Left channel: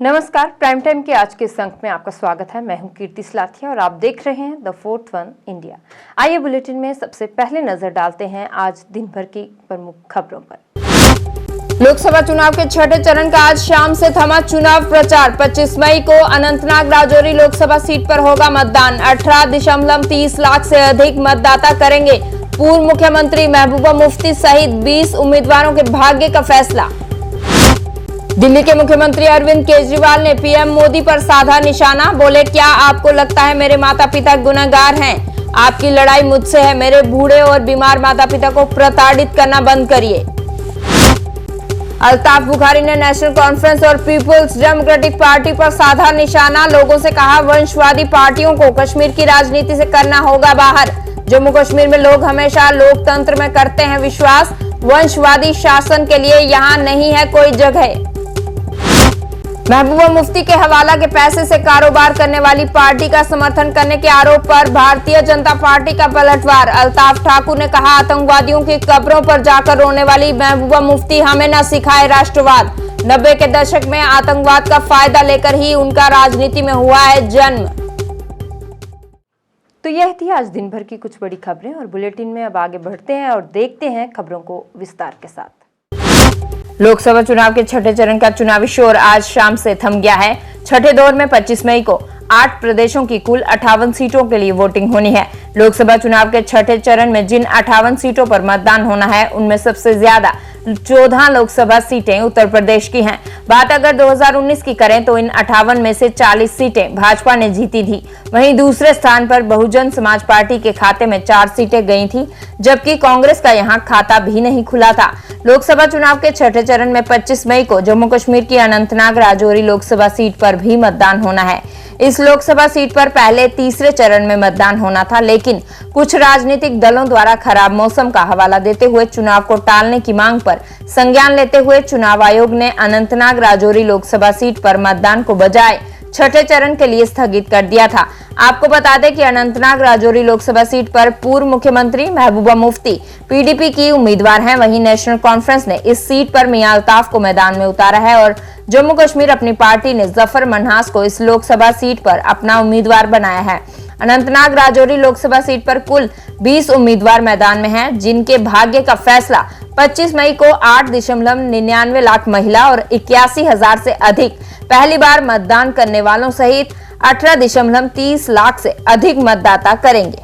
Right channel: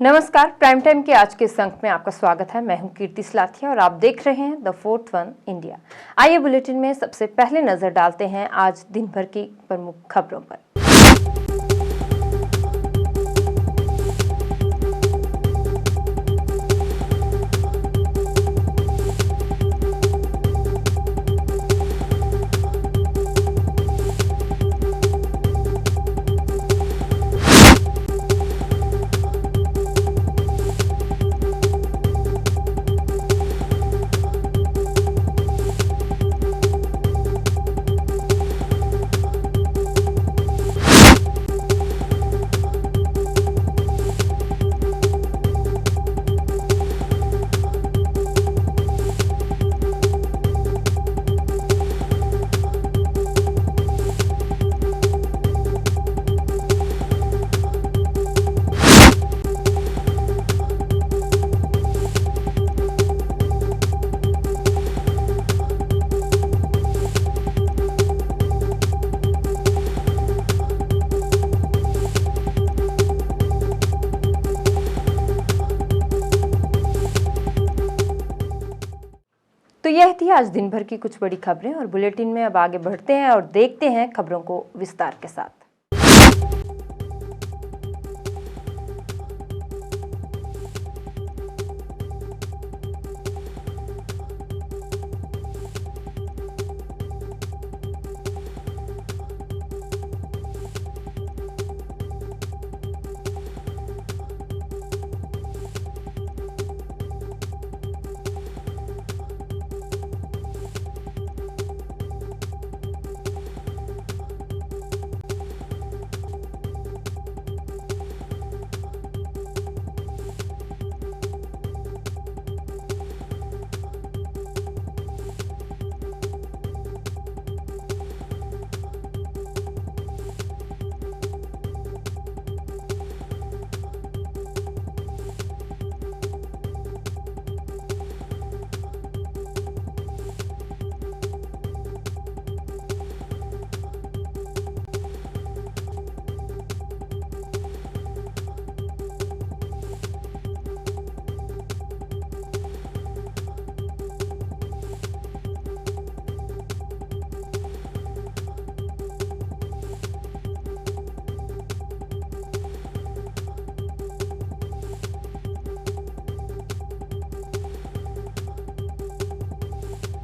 नमस्कार, prime time के आज के इस अंक में आपका स्वागत है। मैं हूं कीर्ति सलाथिया और आप देख रहे हैं द फोर्थ वन इंडिया। आइए बुलेटिन में सबसे पहले नजर डालते हैं आज दिन भर की प्रमुख खबरों पर। लोकसभा चुनाव के छठे चरण का आज शाम से थमा चुनाव प्रचार। 25 मई को अनंतनाग राजौरी लोकसभा सीट पर होगा मतदान। 18.30 लाख से अधिक मतदाता करेंगे पूर्व मुख्यमंत्री महबूबा मुफ्ती सहित 20 उम्मीदवारों के भाग्य का फैसला। दिल्ली के मुख्यमंत्री अरविंद केजरीवाल ने पीएम मोदी पर साधा निशाना। बोले, क्या आपको लगता है मेरे माता पिता गुनहगार हैं? आपकी लड़ाई मुझसे है। मेरे बूढ़े और बीमार माता पिता को प्रताड़ित करना बंद करिए। अल्ताफ बुखारी ने नेशनल कॉन्फ्रेंस और पीपुल्स डेमोक्रेटिक पार्टी पर साधा निशाना। लोगों से कहा, वंशवादी पार्टियों को कश्मीर की राजनीति से करना होगा बाहर। जम्मू कश्मीर में लोग हमेशा लोकतंत्र में करते हैं विश्वास। वंशवादी शासन के लिए यहाँ नहीं है कोई जगह। महबूबा मुफ्ती के हवाला के पैसे से कारोबार करने वाली पार्टी का समर्थन करने के आरोप पर भारतीय जनता पार्टी का पलटवार। अल्ताफ ठाकुर ने कहा, आतंकवादियों की कब्रों पर जाकर रोने वाली महबूबा मुफ्ती हमें न सिखाए राष्ट्रवाद। 90 के दशक में आतंकवाद का फायदा लेकर ही उनका राजनीति में हुआ है जन्म। तो यह थी आज दिन भर की कुछ बड़ी खबरें और बुलेटिन में अब आगे बढ़ते हैं और देखते हैं खबरों को विस्तार के साथ। लोकसभा चुनाव के छठे चरण का चुनावी शोर आज शाम से थम गया है। छठे दौर में 25 मई को 8 प्रदेशों की कुल 58 सीटों के लिए वोटिंग होनी है। लोकसभा चुनाव के छठे चरण में जिन 58 सीटों पर मतदान होना है उनमें सबसे ज्यादा 14 लोकसभा सीटें उत्तर प्रदेश की हैं। बात अगर 2019 की करें तो इन 58 में से 40 सीटें भाजपा ने जीती थी। वहीं दूसरे स्थान पर बहुजन समाज पार्टी के खाते में 4 सीटें गई थी, जबकि कांग्रेस का यहां खाता भी नहीं खुला था। लोकसभा चुनाव के छठे चरण में 25 मई को जम्मू कश्मीर की अनंतनाग राजौरी लोकसभा सीट पर भी मतदान होना है। इस लोकसभा सीट पर पहले तीसरे चरण में मतदान होना था, लेकिन कुछ राजनीतिक दलों द्वारा खराब मौसम का हवाला देते हुए चुनाव को टालने की मांग पर संज्ञान लेते हुए चुनाव आयोग ने अनंतनाग राजौरी लोकसभा सीट पर मतदान को बजाय छठे चरण के लिए स्थगित कर दिया था। आपको बता दें कि अनंतनाग राजौरी लोकसभा सीट पर पूर्व मुख्यमंत्री महबूबा मुफ्ती पीडीपी की उम्मीदवार हैं। वहीं नेशनल कॉन्फ्रेंस ने इस सीट पर मियां अल्ताफ को मैदान में उतारा है और जम्मू कश्मीर अपनी पार्टी ने जफर मन्हास को इस लोकसभा सीट पर अपना उम्मीदवार बनाया है। अनंतनाग राजौरी लोकसभा सीट पर कुल 20 उम्मीदवार मैदान में हैं, जिनके भाग्य का फैसला 25 मई को 8.99 लाख महिला और 81,000 से अधिक पहली बार मतदान करने वालों सहित 18.30 लाख से अधिक मतदाता करेंगे।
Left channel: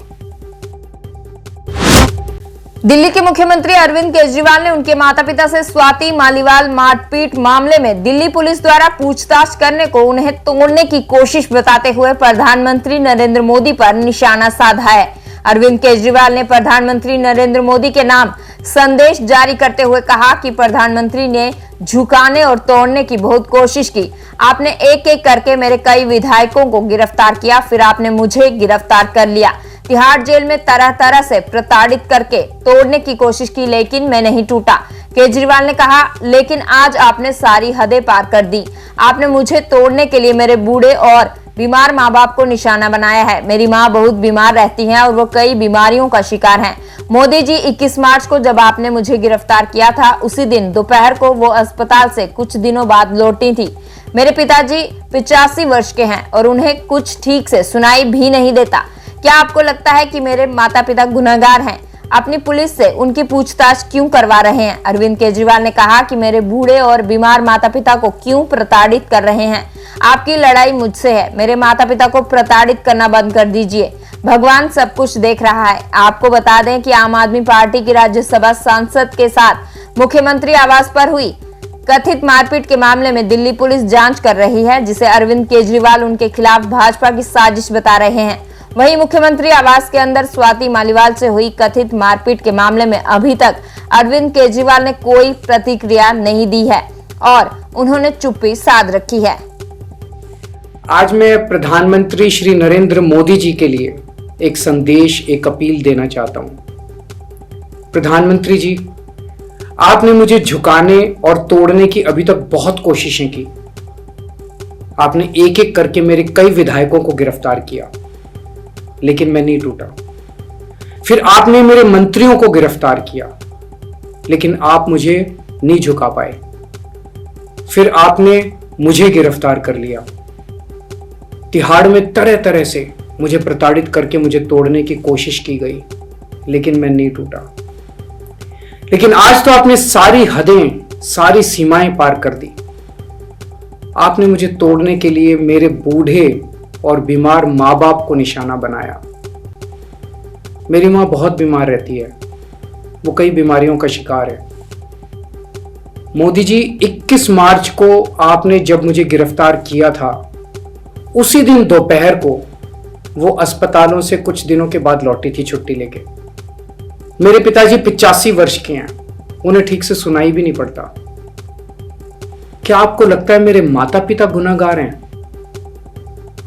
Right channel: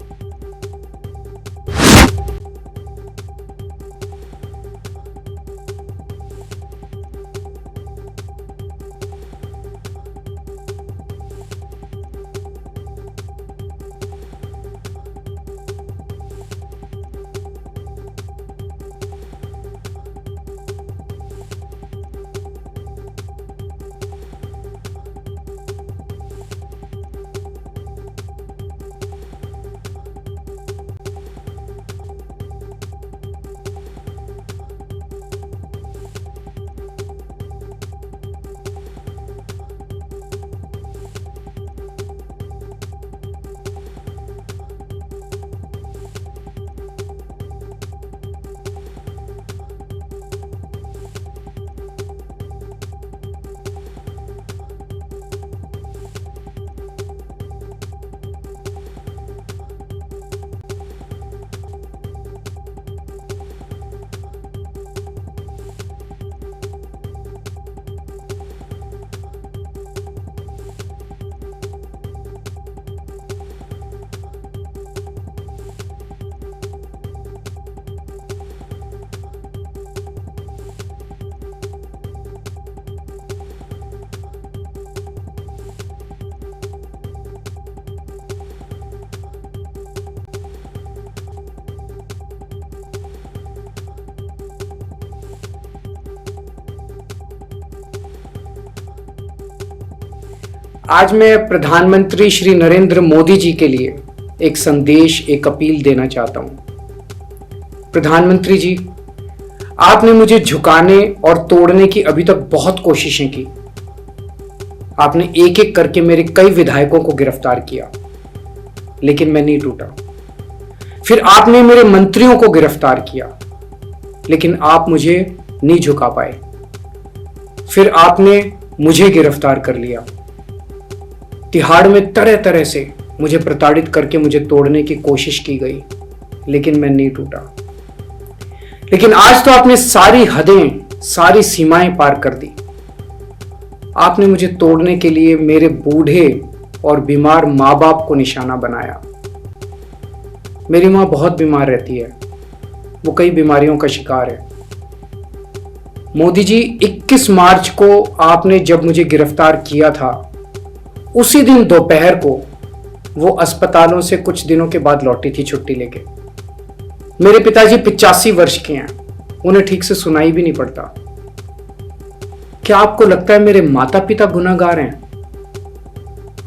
दिल्ली के मुख्यमंत्री अरविंद केजरीवाल ने उनके माता पिता से स्वाति मालीवाल मारपीट मामले में दिल्ली पुलिस द्वारा पूछताछ करने को उन्हें तोड़ने की कोशिश बताते हुए प्रधानमंत्री नरेंद्र मोदी पर निशाना साधा है। अरविंद केजरीवाल ने प्रधानमंत्री नरेंद्र मोदी के नाम संदेश जारी करते हुए कहा कि प्रधानमंत्री ने झुकाने और तोड़ने की बहुत कोशिश की। आपने एक एक करके मेरे कई विधायकों को गिरफ्तार किया, फिर आपने मुझे गिरफ्तार कर लिया। तिहाड़ जेल में तरह तरह से प्रताड़ित करके तोड़ने की कोशिश की, लेकिन मैं नहीं टूटा। केजरीवाल ने कहा, लेकिन आज आपने सारी हदें पार कर दी। आपने मुझे तोड़ने के लिए मेरे बूढ़े और बीमार माँ बाप को निशाना बनाया है। मेरी माँ बहुत बीमार रहती हैं और वो कई बीमारियों का शिकार हैं। मोदी जी, 21 मार्च को जब आपने मुझे गिरफ्तार किया था, उसी दिन दोपहर को वो अस्पताल से कुछ दिनों बाद लौटी थी। मेरे पिताजी 85 वर्ष के हैं और उन्हें कुछ ठीक से सुनाई भी नहीं देता। क्या आपको लगता है कि मेरे माता पिता गुनहगार हैं? अपनी पुलिस से उनकी पूछताछ क्यों करवा रहे हैं? अरविंद केजरीवाल ने कहा कि मेरे बूढ़े और बीमार माता पिता को क्यों प्रताड़ित कर रहे हैं? आपकी लड़ाई मुझसे है। मेरे माता पिता को प्रताड़ित करना बंद कर दीजिए। भगवान सब कुछ देख रहा है। आपको बता दें कि आम आदमी पार्टी की राज्यसभा सांसद के साथ मुख्यमंत्री आवास पर हुई कथित मारपीट के मामले में दिल्ली पुलिस जांच कर रही है, जिसे अरविंद केजरीवाल उनके खिलाफ भाजपा की साजिश बता रहे हैं। वहीं मुख्यमंत्री आवास के अंदर स्वाति मालीवाल से हुई कथित मारपीट के मामले में अभी तक अरविंद केजरीवाल ने कोई प्रतिक्रिया नहीं दी है और उन्होंने चुप्पी साध रखी है। आज मैं प्रधानमंत्री श्री नरेंद्र मोदी जी के लिए एक संदेश, एक अपील देना चाहता हूं। प्रधानमंत्री जी, आपने मुझे झुकाने और तोड़ने की अभी तक बहुत कोशिशें की। आपने एक एक करके मेरे कई विधायकों को गिरफ्तार किया, लेकिन मैं नहीं टूटा। फिर आपने मेरे मंत्रियों को गिरफ्तार किया, लेकिन आप मुझे नहीं झुका पाए। फिर आपने मुझे गिरफ्तार कर लिया। तिहाड़ में तरह तरह से मुझे प्रताड़ित करके मुझे तोड़ने की कोशिश की गई, लेकिन मैं नहीं टूटा। लेकिन आज तो आपने सारी हदें, सारी सीमाएं पार कर दी। आपने मुझे तोड़ने के लिए मेरे बूढ़े और बीमार माँ बाप को निशाना बनाया। मेरी माँ बहुत बीमार रहती है, वो कई बीमारियों का शिकार है। मोदी जी, 21 मार्च को आपने जब मुझे गिरफ्तार किया था, उसी दिन दोपहर को वो अस्पतालों से कुछ दिनों के बाद लौटी थी छुट्टी लेके। मेरे पिताजी 85 वर्ष के हैं, उन्हें ठीक से सुनाई भी नहीं पड़ता। क्या आपको लगता है मेरे माता पिता गुनहगार हैं?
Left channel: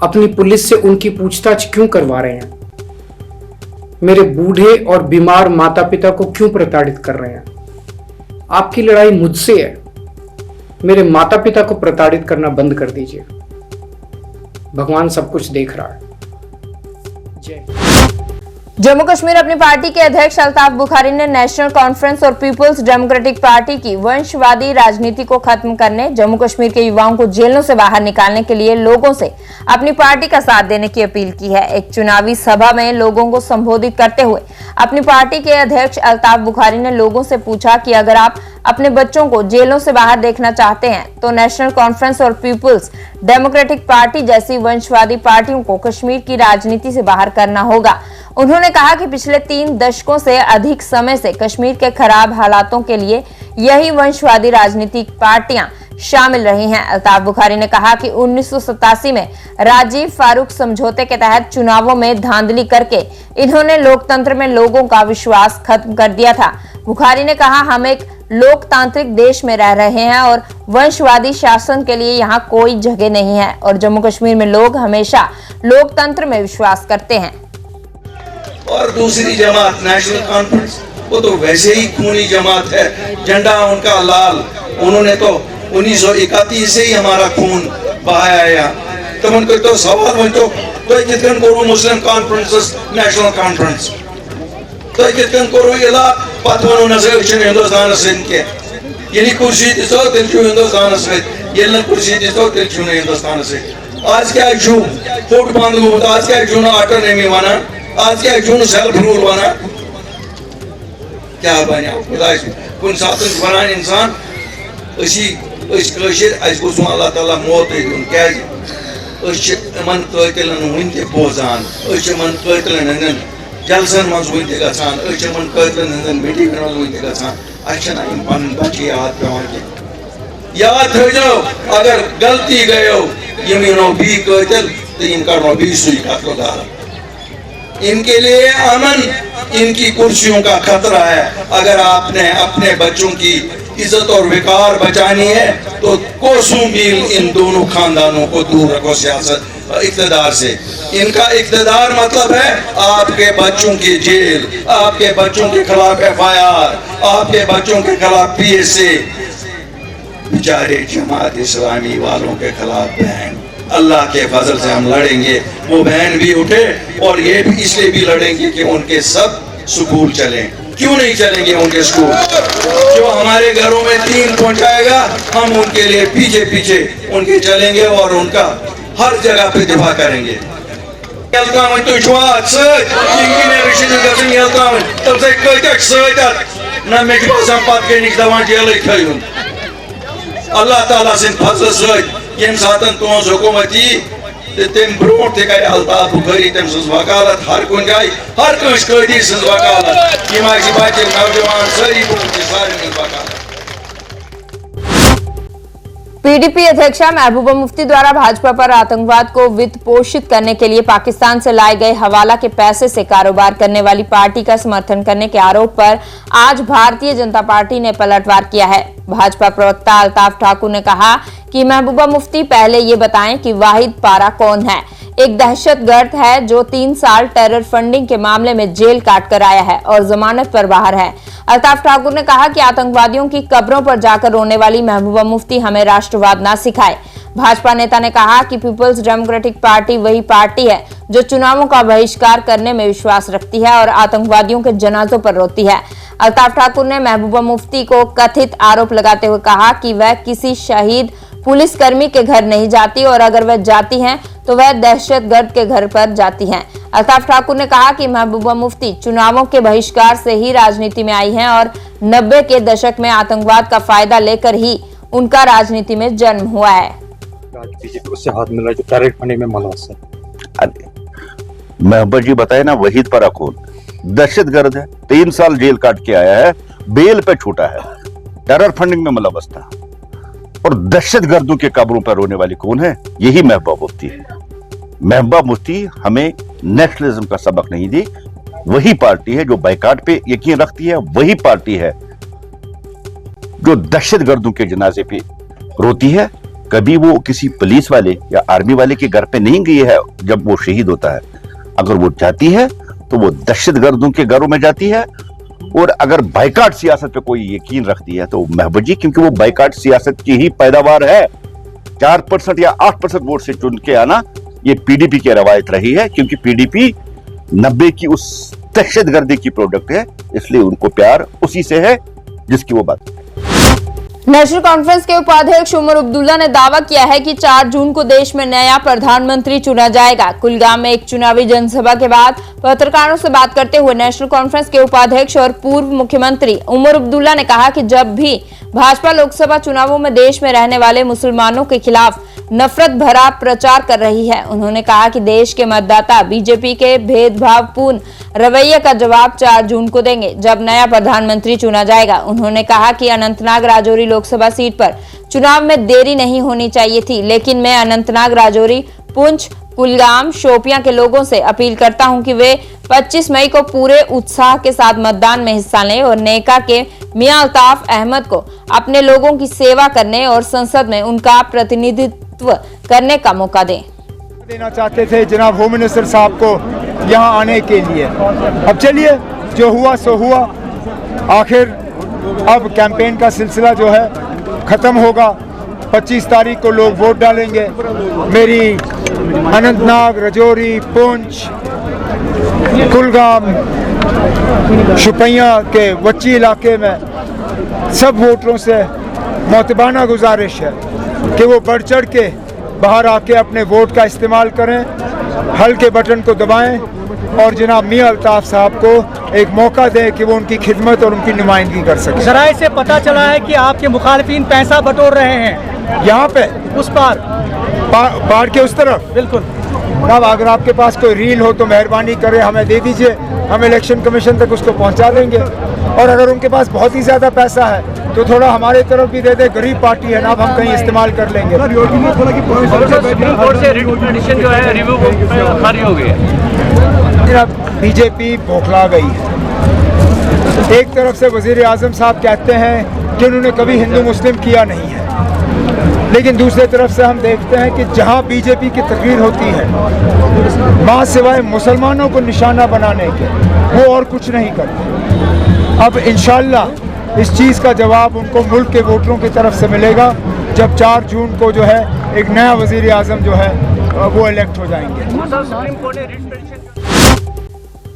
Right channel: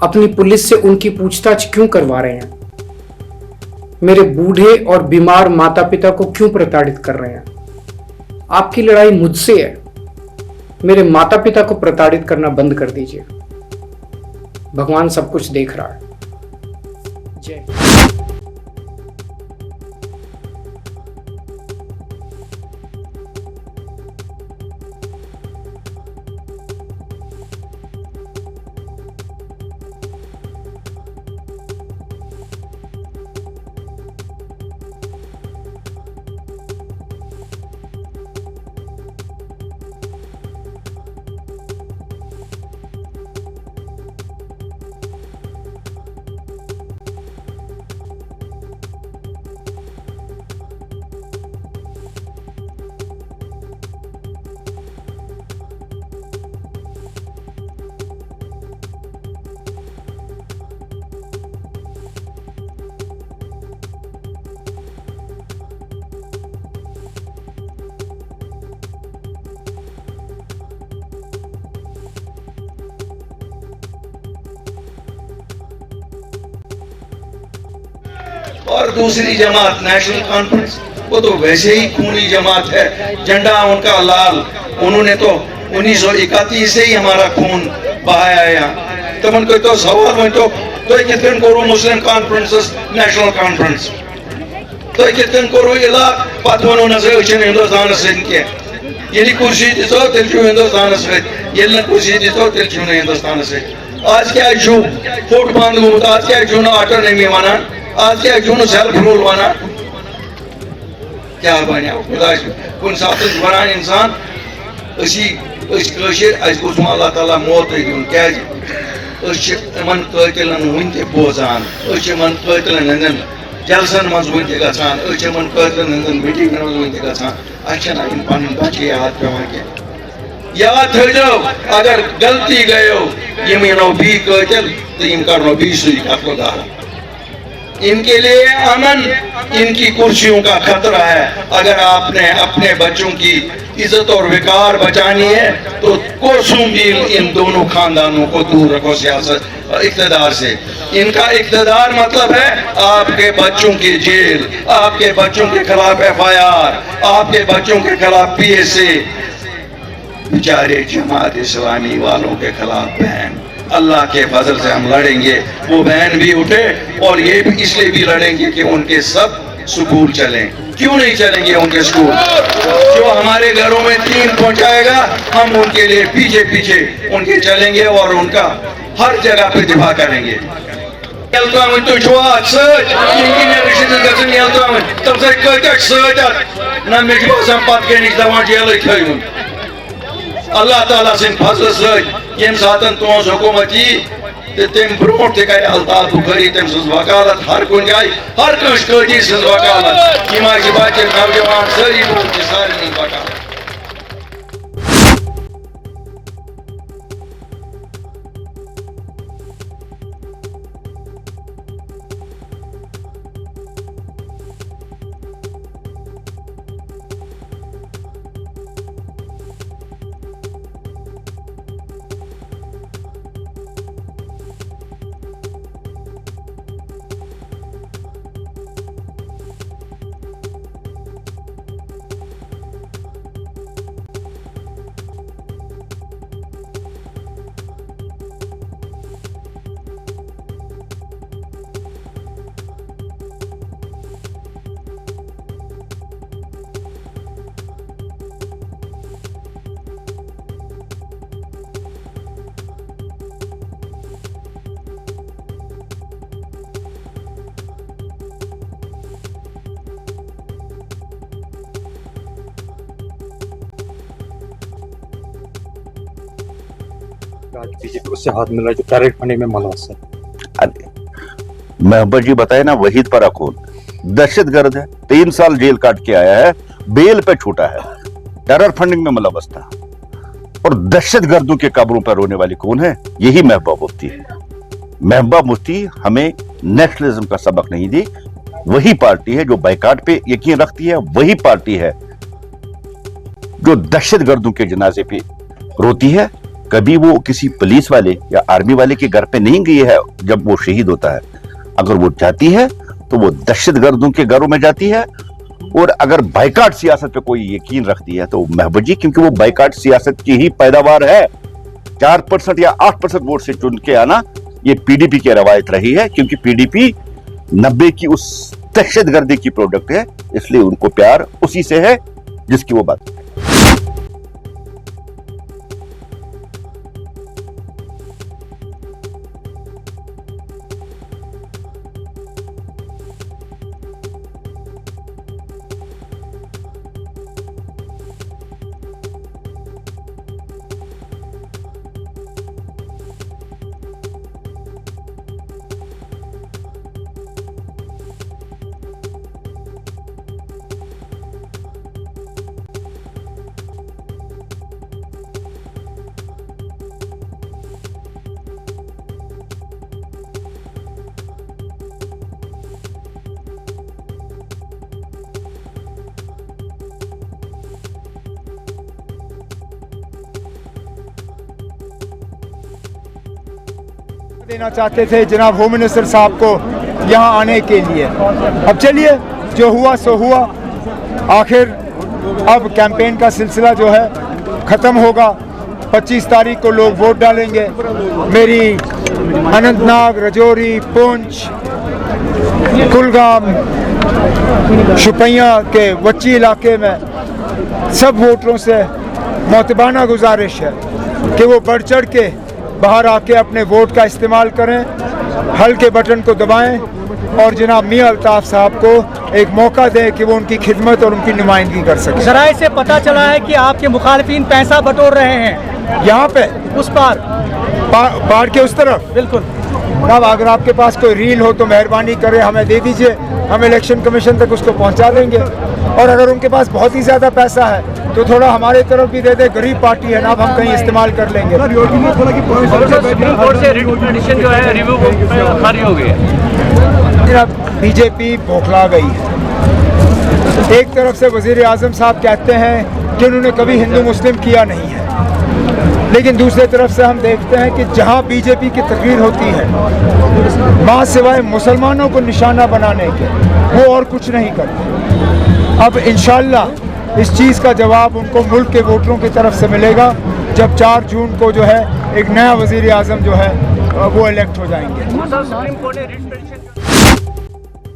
अपनी पुलिस से उनकी पूछताछ क्यों करवा रहे हैं? मेरे बूढ़े और बीमार माता पिता को क्यों प्रताड़ित कर रहे हैं? आपकी लड़ाई मुझसे है। मेरे माता पिता को प्रताड़ित करना बंद कर दीजिए। भगवान सब कुछ देख रहा है। जय। जम्मू कश्मीर अपनी पार्टी के अध्यक्ष अल्ताफ बुखारी ने नेशनल कॉन्फ्रेंस और पीपुल्स डेमोक्रेटिक पार्टी की वंशवादी राजनीति को खत्म करने, जम्मू कश्मीर के युवाओं को जेलों से बाहर निकालने के लिए लोगों से अपनी पार्टी का साथ देने की अपील की है। एक चुनावी सभा में लोगों को संबोधित करते हुए अपनी पार्टी के अध्यक्ष अल्ताफ बुखारी ने लोगों से पूछा कि अगर आप अपने बच्चों को जेलों से बाहर देखना चाहते हैं तो नेशनल कॉन्फ्रेंस और पीपुल्स डेमोक्रेटिक पार्टी जैसी वंशवादी पार्टियों को कश्मीर की राजनीति से बाहर करना होगा। उन्होंने कहा कि पिछले 3 दशकों से अधिक समय से कश्मीर के खराब हालातों के लिए यही वंशवादी राजनीतिक पार्टियां शामिल रही हैं। अल्ताफ बुखारी ने कहा कि 1987 में राजीव फारूक समझौते के तहत चुनावों में धांधली करके इन्होंने लोकतंत्र में लोगों का विश्वास खत्म कर दिया था। बुखारी ने कहा, हम एक लोकतांत्रिक देश में रह रहे हैं और वंशवादी शासन के लिए यहाँ कोई जगह नहीं है और जम्मू कश्मीर में लोग हमेशा लोकतंत्र में विश्वास करते हैं। और दूसरी जमात नेशनल कॉन्फ्रेंस, वो तो वैसे ही खूनी जमात है, झंडा उनका लाल। उन्होंने तो 1931 से ही हमारा खून बहाया। तो उनको तो सवाल में तो कितन करो मुस्लिम कॉन्फ्रेंस नेशनल कॉन्फ्रेंस, तो कितन करो इला पत वनो न हिंदुस्तान से ये कुर्सी दिसो तेल हिंदुस्तान से, ये कुर्सी दिसो तेल हिंदुस्तान से। आज क्या फोट बंद गो, आज क्या ऑटोनॉमी वना, आज क्या सेल्फ रूल वना, क्या बने खुदा कुन सात वन इंसान अल्लाह ताला मौत दिन क्या कतिलन वन बोजान, कतिलन हंदन जलसन मज वन गन, कतिलन मीटिंग वन गन। पन बच्चे याद पेवान कह याद थो, अगर गलती गयो यम नो बी कतिल तो इन करो बी सुई कत्ल गारा। इनके लिए अमन, इनकी कुर्सियों का खतरा है। अगर आपने अपने बच्चों की इज्जत और विकार बचानी है तो कोसों मील इन दोनों खानदानों को दूर रखो सियासत इक़्तिदार से। इनका इक़्तिदार मतलब है आपके बच्चों की जेल, आपके बच्चों के खिलाफ FIR, आपके बच्चों के खिलाफ PSA। बेचारे जमात इस्लामी वालों के खिलाफ बैन, अल्लाह के फजल से हम लड़ेंगे। वो बैन भी उठे और ये इसलिए भी लड़ेंगे कि उनके सब स्कूल चलें। क्यों नहीं चलेंगे उनके स्कूल? जो हमारे घरों में 3 पहुंचाएगा, हम उनके लिए पीछे पीछे उनके चलेंगे और उनका हर जगह पे दिफा करेंगे। अल्लाह ताला सिंध फजल सम सात तुज हुकूमत यी तम ब्रो कर अल्ताफ बुखारी तम सज वकालत हर कुन जाए, हर कंस कैदी सज वकालत, यम बच्चे नौजवान सारी सारे वकालत। पीडीपी अध्यक्षा महबूबा मुफ्ती द्वारा भाजपा पर आतंकवाद को वित्त पोषित करने के लिए पाकिस्तान से लाए गए हवाला के पैसे से कारोबार करने वाली पार्टी का समर्थन करने के आरोप पर आज भारतीय जनता पार्टी ने पलटवार किया है। भाजपा प्रवक्ता अल्ताफ ठाकुर ने कहा कि महबूबा मुफ्ती पहले ये बताएं कि वाहिद पारा कौन है। एक दहशतगर्द है जो 3 साल टेरर फंडिंग के मामले में जेल काट कर आया है और जमानत पर बाहर है। अल्ताफ ठाकुर ने कहा कि आतंकवादियों की कब्रों पर जाकर रोने वाली महबूबा मुफ्ती हमें राष्ट्रवाद ना सिखाए। भाजपा नेता ने कहा कि पीपल्स डेमोक्रेटिक पार्टी वही पार्टी है जो चुनावों का बहिष्कार करने में विश्वास रखती है और आतंकवादियों के जनाजों पर रोती है। अल्ताफ ठाकुर ने महबूबा मुफ्ती को कथित आरोप लगाते हुए कहा कि वह किसी शहीद पुलिस कर्मी के घर नहीं जाती और अगर वह जाती हैं तो वह दहशतगर्द के घर पर जाती हैं। अल्ताफ ठाकुर ने कहा कि महबूबा मुफ्ती चुनावों के बहिष्कार से ही राजनीति में आई हैं और 90 के दशक में आतंकवाद का फायदा लेकर ही उनका राजनीति में जन्म हुआ है। बीजेपी उससे हाथ मिला जो टेरर फंडिंग में मुलव्वस है। महबूबा जी बताए ना, वहीद पराखून दहशतगर्द है, 3 साल जेल काट के आया है, बेल पे छूटा है, टेरर फंडिंग में मुलव्वस था और दहशतगर्दों के कब्रों पर रोने वाली कौन है? यही महबूबा मुफ्ती है। महबूबा मुफ्ती हमें नेशनलिज्म का सबक नहीं दी। वही पार्टी है जो बाइकाट पे यकीन रखती है, वही पार्टी है जो दहशतगर्दों के जनाजे पे रोती है। कभी वो किसी पुलिस वाले या आर्मी वाले के घर पे नहीं गई है जब वो शहीद होता है। अगर वो जाती है तो वो दहशतगर्दों के घरों में जाती है। और अगर बाइकाट सियासत पे कोई यकीन रखती है तो महबूबा जी, क्योंकि वो बाइकाट सियासत की ही पैदावार है। 4% या 8% वोट से चुन के आना ये पीडीपी की रवायत रही है, क्योंकि पीडीपी 90 की उस दहशतगर्दी की प्रोडक्ट है, इसलिए उनको प्यार उसी से है जिसकी वो बात। नेशनल कॉन्फ्रेंस के उपाध्यक्ष उमर अब्दुल्ला ने दावा किया है कि 4 जून को देश में नया प्रधानमंत्री चुना जाएगा। कुलगाम में एक चुनावी जनसभा के बाद पत्रकारों से बात करते हुए नेशनल कॉन्फ्रेंस के उपाध्यक्ष और पूर्व मुख्यमंत्री उमर अब्दुल्ला ने कहा कि जब भी भाजपा लोकसभा चुनावों में देश में रहने वाले मुसलमानों के खिलाफ नफरत भरा प्रचार कर रही है। उन्होंने कहा कि देश के मतदाता बीजेपी के भेदभावपूर्ण रवैये का जवाब 4 जून को देंगे, जब नया प्रधानमंत्री चुना जाएगा। उन्होंने कहा कि अनंतनाग राजौरी लोकसभा सीट पर चुनाव में देरी नहीं होनी चाहिए थी, लेकिन मैं अनंतनाग राजौरी, पुंछ, कुलगाम, शोपियां के लोगों से अपील करता हूं कि वे 25 मई को पूरे उत्साह के साथ मतदान में हिस्सा लें और नेका के मियां अल्ताफ अहमद को अपने लोगों की सेवा करने और संसद में उनका प्रतिनिधित्व करने का मौका दें। देना चाहते थे जनाब होम मिनिस्टर साहब को यहाँ आने के लिए। अब चलिए, जो हुआ सो हुआ। आखिर अब कैंपेन का सिलसिला जो है ख़त्म होगा। 25 तारीख को लोग वोट डालेंगे। मेरी अनंतनाग, राजौरी, पुंछ, कुलगाम, शोपियां के वच्ची इलाके में सब वोटरों से मोतबाना गुजारिश है कि वो बढ़ चढ़ के बाहर आके अपने वोट का इस्तेमाल करें, हल के बटन को दबाएं और जनाब मियां अल्ताफ साहब को एक मौका दें कि वो उनकी खिदमत और उनकी नुमाइंदगी कर सकें। ज़राए से पता चला है कि आपके मुखालिफिन पैसा बटोर रहे हैं यहाँ पे उस पार पहाड़ के उस तरफ। बिल्कुल। अब अगर आपके पास कोई रील हो तो मेहरबानी करें हमें दे दीजिए, हम इलेक्शन कमीशन तक उसको पहुंचा देंगे। और अगर उनके पास बहुत ही ज़्यादा पैसा है तो थोड़ा हमारे तरफ भी दे दे, गरीब पार्टी है ना, अब हम कहीं इस्तेमाल कर लेंगे। सुप्रीम कोर्ट से रिट पिटीशन जो है रिव्यू खारिज हो गई है। बीजेपी बौखला गई है। एक तरफ से वजीर आजम साहब कहते हैं कि उन्होंने कभी हिंदू मुस्लिम किया नहीं है, लेकिन दूसरी तरफ से हम देखते हैं कि जहां बीजेपी की तकरीर होती है वहां सिवाय मुसलमानों को निशाना बनाने के वो और कुछ नहीं करते। अब इंशाअल्लाह इस चीज़ का जवाब उनको मुल्क के वोटरों की तरफ से मिलेगा जब 4 जून को जो है एक नया वजीर आजम जो है वो इलेक्ट हो जाएंगे।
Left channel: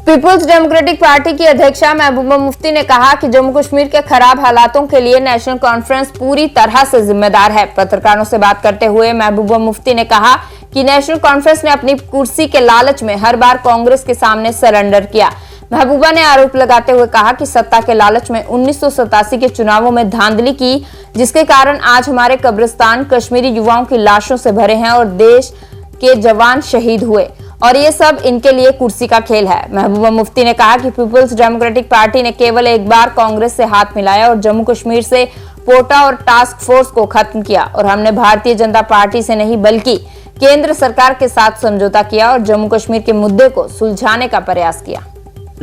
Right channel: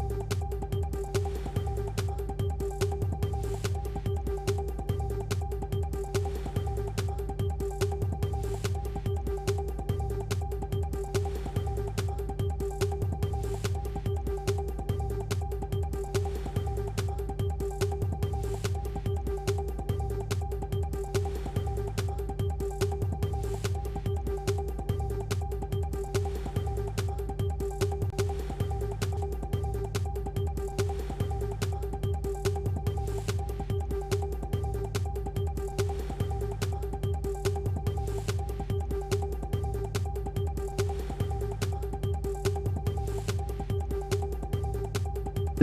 पीपुल्स डेमोक्रेटिक पार्टी की अध्यक्षा महबूबा मुफ्ती ने कहा कि जम्मू कश्मीर के खराब हालातों के लिए नेशनल कॉन्फ्रेंस पूरी तरह से जिम्मेदार है। पत्रकारों से बात करते हुए महबूबा मुफ्ती ने कहा कि नेशनल कॉन्फ्रेंस ने अपनी कुर्सी के लालच में हर बार कांग्रेस के सामने सरेंडर किया। महबूबा ने आरोप लगाते हुए कहा कि सत्ता के लालच में 1987 के चुनावों में धांधली की, जिसके कारण आज हमारे कब्रिस्तान कश्मीरी युवाओं की लाशों से भरे हैं और देश के जवान शहीद हुए और ये सब इनके लिए कुर्सी का खेल है। महबूबा मुफ्ती ने कहा कि पीपुल्स डेमोक्रेटिक पार्टी ने केवल एक बार कांग्रेस से हाथ मिलाया और जम्मू कश्मीर से कोटा और टास्क फोर्स को खत्म किया और हमने भारतीय जनता पार्टी से नहीं बल्कि केंद्र सरकार के साथ समझौता किया और जम्मू कश्मीर के मुद्दे को सुलझाने का प्रयास किया।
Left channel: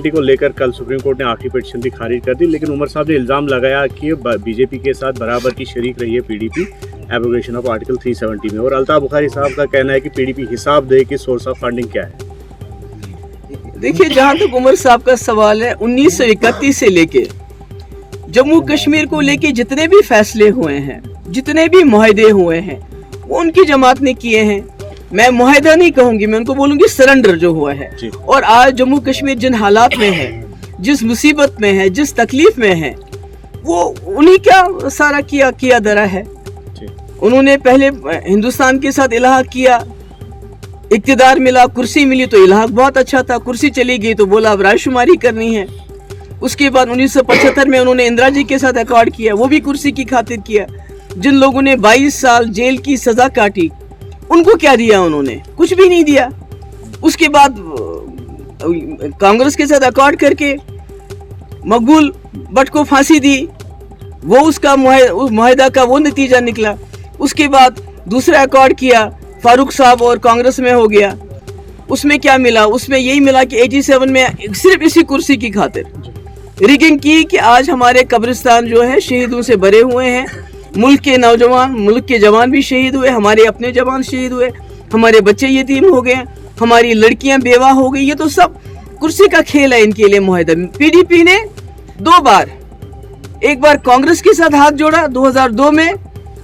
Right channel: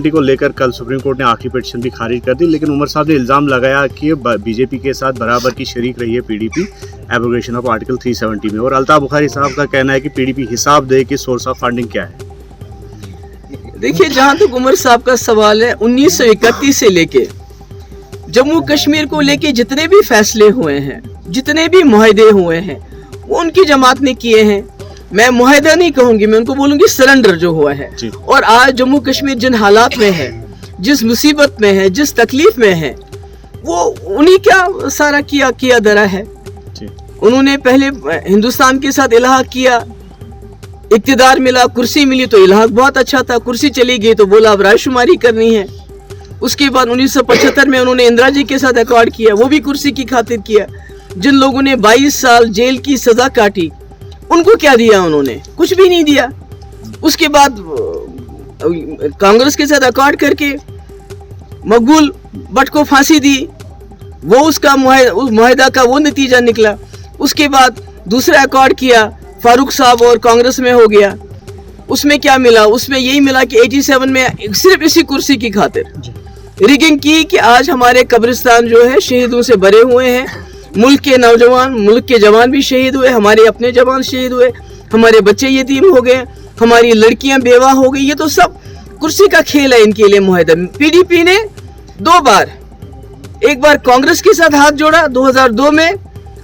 को लेकर कल सुप्रीम कोर्ट ने आखिरी पिटीशन भी खारिज कर दी, लेकिन उमर साहब ने इल्जाम लगाया कि बीजेपी के साथ बराबर की शरीक रही है पीडीपी एब्रोगेशन ऑफ आर्टिकल 370 में। और अल्ताफ बुखारी साहब का कहना है कि पीडीपी हिसाब दे कि सोर्स ऑफ फंडिंग क्या है। देखिए, जहां तक उमर साहब का सवाल है, 1931 से लेके जम्मू कश्मीर को लेके जितने भी फैसले हुए हैं, जितने भी मुआहदे हुए हैं, वो उनकी जमात ने किए हैं। मैं मुआहदा नहीं कहूंगी, मैं उनको बोलूंगी सरेंडर जो हुआ है। और आज जम्मू कश्मीर जिन हालात में है, जिस मुसीबत में है, जिस तकलीफ में है, वो उन्हीं क्या सारा किया धरा है। उन्होंने पहले हिंदुस्तान के साथ इलाहा किया, इक्तिदार मिला, कुर्सी मिली तो इलाहा बहुत अच्छा था, कुर्सी चली गई तो बोला अब रायशुमारी करनी है। उसके बाद 1975 में उन्होंने इंदिरा जी के साथ अकॉर्ड किया, वो भी कुर्सी की खातिर किया। जिन लोगों ने 22 साल जेल की सजा काटी उनको क्या दिया उन्होंने? कुछ भी नहीं दिया। उसके बाद कांग्रेस के साथ अकॉर्ड करके मकबूल भट्ट को फांसी दी, वो उसका मुआहदा का वो नतीजा निकला। उसके बाद दूसरा अकॉर्ड किया, फारूक साहब और कांग्रेस में हो गया। उसमें क्या मिला? उसमें यही मिला कि 87 में सिर्फ इसी कुर्सी की खातिर रिगिंग की कि आज हमारे कब्रिस्तान जो है शहीदों से भरे हुए हैं। मुल्क के नौजवान, मुल्क के जवान भी शहीद हुए, हमारे अपने जवान शहीद हुए, हमारे बच्चे यतीम हो गए, हमारी लड़कियां बेवा हो गई। ये तो सब कुर्सी का खेल है इनके लिए मुआहदा। पीडीपी ने 2 बार, एक बार कांग्रेस के साथ हाथ जोड़ा 2002 में,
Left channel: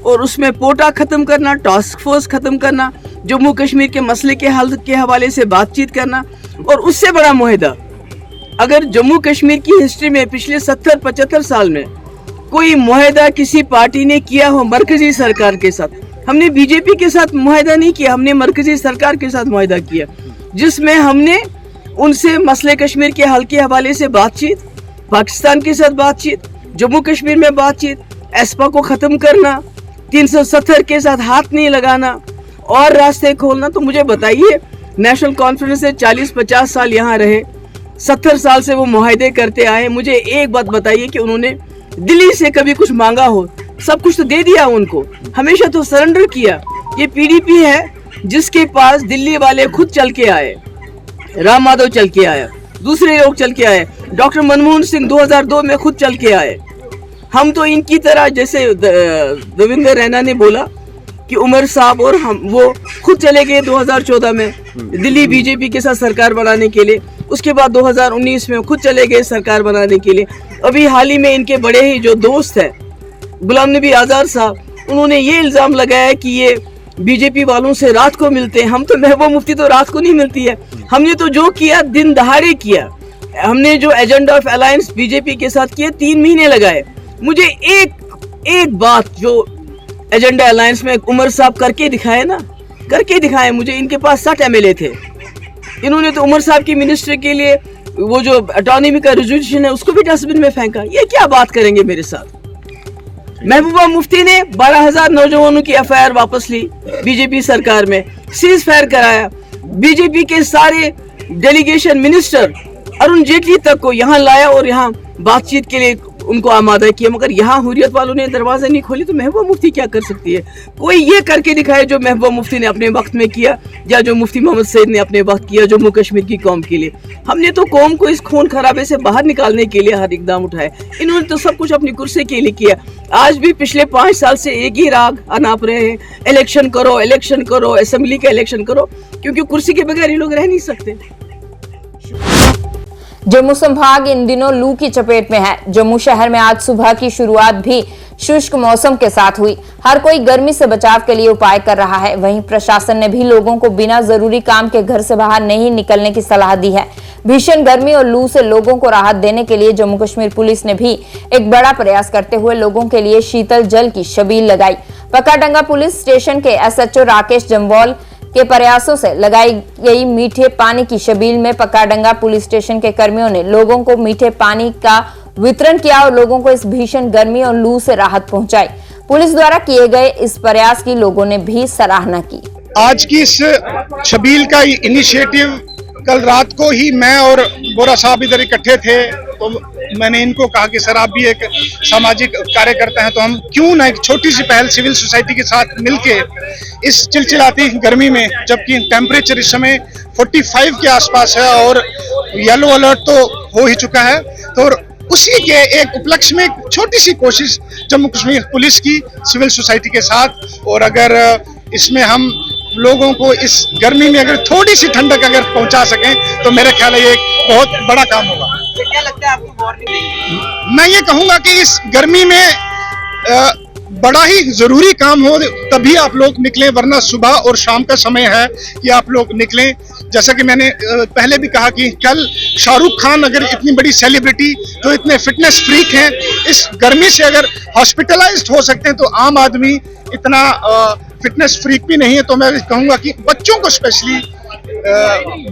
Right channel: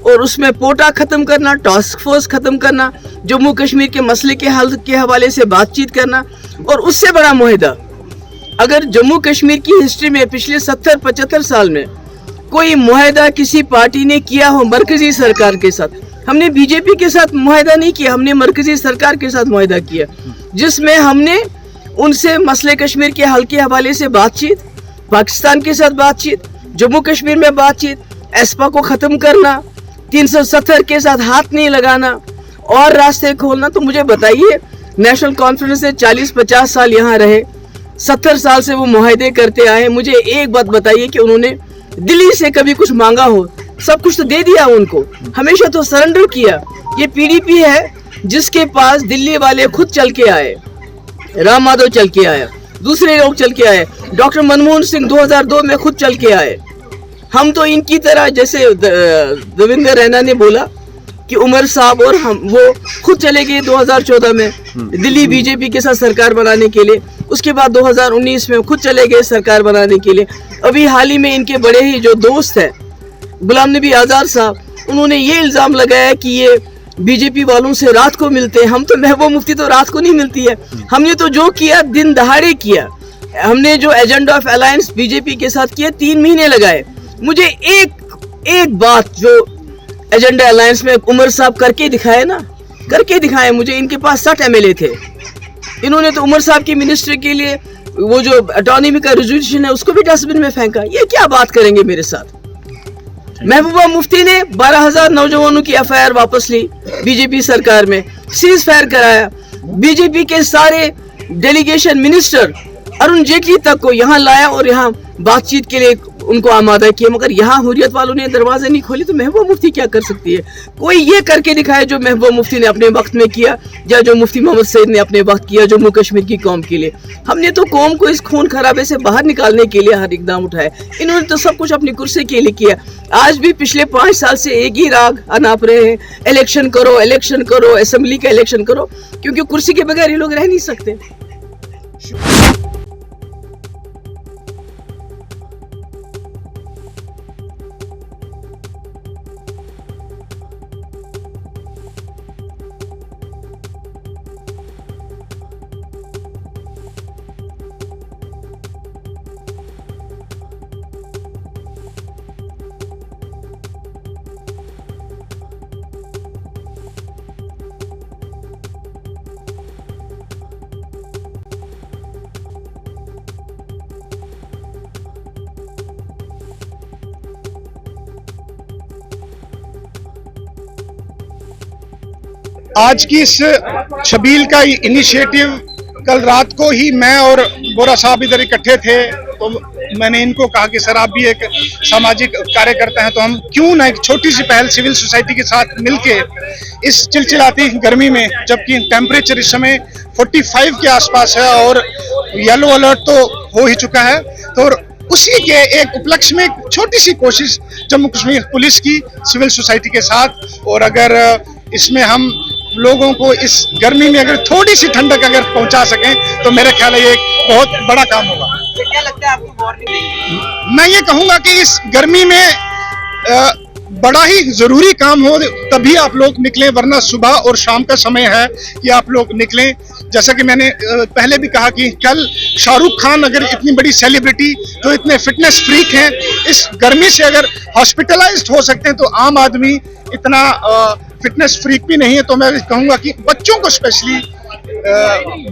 और उसमें पोटा खत्म करना, टास्क फोर्स खत्म करना, जम्मू कश्मीर के मसले के हल के हवाले से बातचीत करना, और उससे बड़ा मुआहदा अगर जम्मू कश्मीर की हिस्ट्री में पिछले 70-75 साल में कोई मुआहदा किसी पार्टी ने किया हो मरकजी सरकार के साथ, हमने बीजेपी के साथ मुआहदा नहीं किया, हमने मरकजी सरकार के साथ मुआहदा किया, जिसमें हमने उनसे मसले कश्मीर के हल के हवाले से बातचीत, पाकिस्तान के साथ बातचीत, जम्मू कश्मीर में बातचीत, एस्पा को ख़त्म करना, 370 के साथ हाथ नहीं लगाना और रास्ते खोलना। तो मुझे बताइए, नेशनल कॉन्फ्रेंस से 40-50 साल यहाँ रहे, 70 साल से वो मुआहदे करते आए, मुझे एक बात बताइए कि उन्होंने दिल्ली से कभी कुछ मांगा हो? सब कुछ तो दे दिया उनको, हमेशा तो सरेंडर किया। ये पीडीपी है जिसके पास दिल्ली वाले खुद चल के आए, राम माधव चल के आया, दूसरे लोग चल के आए, डॉक्टर मनमोहन सिंह 2002 में खुद चल के आए। हम तो इनकी तरह, जैसे देवेंद्र रैना ने बोला कि उमर साहब और हम, वो खुद चले गए 2014 में दिल्ली बीजेपी के साथ सरकार बनाने के लिए। उसके बाद 2019 में खुद चले गए सरकार बनाने के लिए। अभी हाल ही में इनके बड़े ही जो दोस्त हैं गुलाम नबी आज़ाद साहब, उन्होंने ये इल्ज़ाम लगाया कि ये बीजेपी वालों से रात को मिलते हैं। हम तो महबूबा मुफ्ती तो रात को नहीं मिलती है, हमने तो जो किया दिन दहाड़े किया। हमने जो एजेंडा ऑफ अलायंस बीजेपी के साथ किया 3 महीने लगाए। मुझे एक बात जो एजेंडा अलायंस में उमर साहब करके दिखाए ना, करके दिखाए। मुझे इनके पास 60 MLA थे, इन्होंने तो उमर साहब की मिनिस्ट्री के लिए वो जो ऑटोनॉमी का रेजोल्यूशन है उसको भी डस्टबिन में फेंका। ये क्या बात करेंगे मेरे साथ? महबूबा मुफ्ती ने 12,000 नौजवानों की FIR वापस ली बीजेपी सरकार में, सीज फायर कराया। बीजेपी के सारे डेलीगेशन मिनिस्टर अरुण जेटली तक को यहाँ लाया और यहाँ बातचीत के लिए उनको आमादा किया, मगर यहाँ हुर्रियत वालों ने दरवाजे नहीं खोले। तो महबूबा मुफ्ती क्या कर सकती है? कोई ये करके दिखाए जो महबूबा मुफ्ती ने अपने वक्त में किया, या जो मुफ्ती मोहम्मद सईद ने अपने वक्त किया जम्मू कश्मीर की कौम के लिए। हमने तो कौम को इस खून खराबे से बाहर निकालने के लिए हर इकदाम उठाए। इन्होंने तो सब कुछ अपनी कुर्सी के लिए किया। आज भी पिछले 5 साल से एक ही राग अनाप रहे हैं, इलेक्शन करो, इलेक्शन करो, असेंबली का इलेक्शन करो, क्योंकि कुर्सी के बगैर ये लोग रह नहीं सकते। जम्मू संभाग इन दिनों लू की चपेट में है। जम्मू शहर में आज सुबह की शुरुआत भी शुष्क मौसम के साथ हुई। हर कोई गर्मी से बचाव के लिए उपाय कर रहा है। वहीं प्रशासन ने भी लोगों को बिना जरूरी काम के घर से बाहर नहीं निकलने की सलाह दी है। भीषण गर्मी और लू से लोगों को राहत देने के लिए जम्मू कश्मीर पुलिस ने भी एक बड़ा प्रयास करते हुए लोगों के लिए शीतल जल की छबील लगाई। पकाडंगा पुलिस स्टेशन के SHO राकेश जम्वाल के प्रयासों से लगाई गई मीठे पानी की छबील में पकाडंगा पुलिस स्टेशन के कर्मियों ने लोगों को मीठे पानी का वितरण किया और लोगों को इस भीषण गर्मी और लू से राहत पहुंचाई। पुलिस द्वारा किए गए इस प्रयास की लोगों ने भी सराहना की। आज की इस छबील का इनिशिएटिव कल रात को ही मैं और बोरा साहब इधर इकट्ठे थे, तो मैंने इनको कहा कि सर आप भी एक सामाजिक कार्यकर्ता हैं, तो हम क्यों ना एक छोटी सी पहल सिविल सोसाइटी के साथ मिलके इस चिलचिलाती गर्मी में, जबकि टेम्परेचर इस समय 45 के आसपास है और येलो अलर्ट तो हो ही चुका है, तो उसी के एक उपलक्ष्य में छोटी सी कोशिश जम्मू कश्मीर पुलिस की सिविल सोसाइटी के साथ, और अगर इसमें हम लोगों को इस गर्मी में अगर थोड़ी सी ठंडक अगर पहुंचा सकें तो मेरा ख्याल है ये एक बहुत बड़ा काम होगा। क्या लगता है आपको वार्निंग देंगे? मैं ये कहूंगा कि इस गर्मी में बड़ा ही जरूरी काम हो तभी आप लोग निकलें, वरना सुबह और शाम का समय है कि आप लोग निकलें। जैसा कि मैंने पहले भी कहा कि कल शाहरुख खान अगर इतनी बड़ी सेलिब्रिटी जो इतने फिटनेस फ्रीक हैं, इस गर्मी से अगर हॉस्पिटलाइज्ड हो सकते हैं, तो आम आदमी इतना फिटनेस फ्रीक भी नहीं है। तो मैं कहूंगा कि बच्चों को स्पेशली,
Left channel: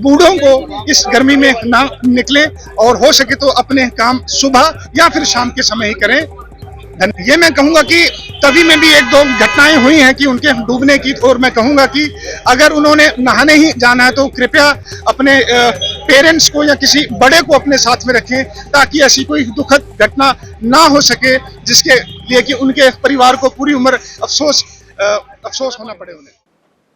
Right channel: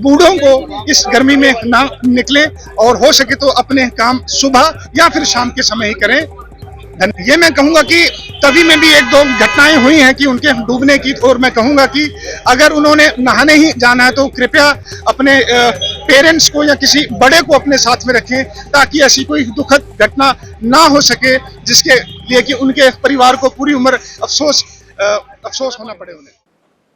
बूढ़ों को इस गर्मी में ना निकले और हो सके तो अपने काम सुबह या फिर शाम के समय ही करें। ये मैं कहूंगा कि तभी में भी एक दो घटनाएं हुई हैं कि उनके डूबने की, और मैं कहूंगा कि अगर उन्होंने नहाने ही जाना है तो कृपया अपने पेरेंट्स को या किसी बड़े को अपने साथ में रखें, ताकि ऐसी कोई दुखद घटना ना हो सके जिसके लिए कि उनके परिवार को पूरी उम्र अफसोस होना पड़े उन्हें।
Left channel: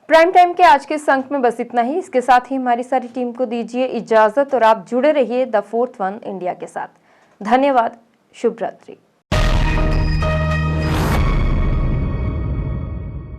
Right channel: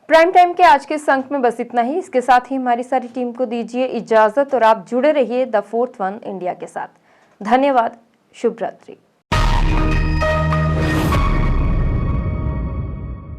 प्राइम टाइम के आज के इस अंक में बस इतना ही। इसके साथ ही हमारी सारी टीम को दीजिए इजाजत और आप जुड़े रहिए द फोर्थ वन इंडिया के साथ। धन्यवाद। शुभ रात्रि।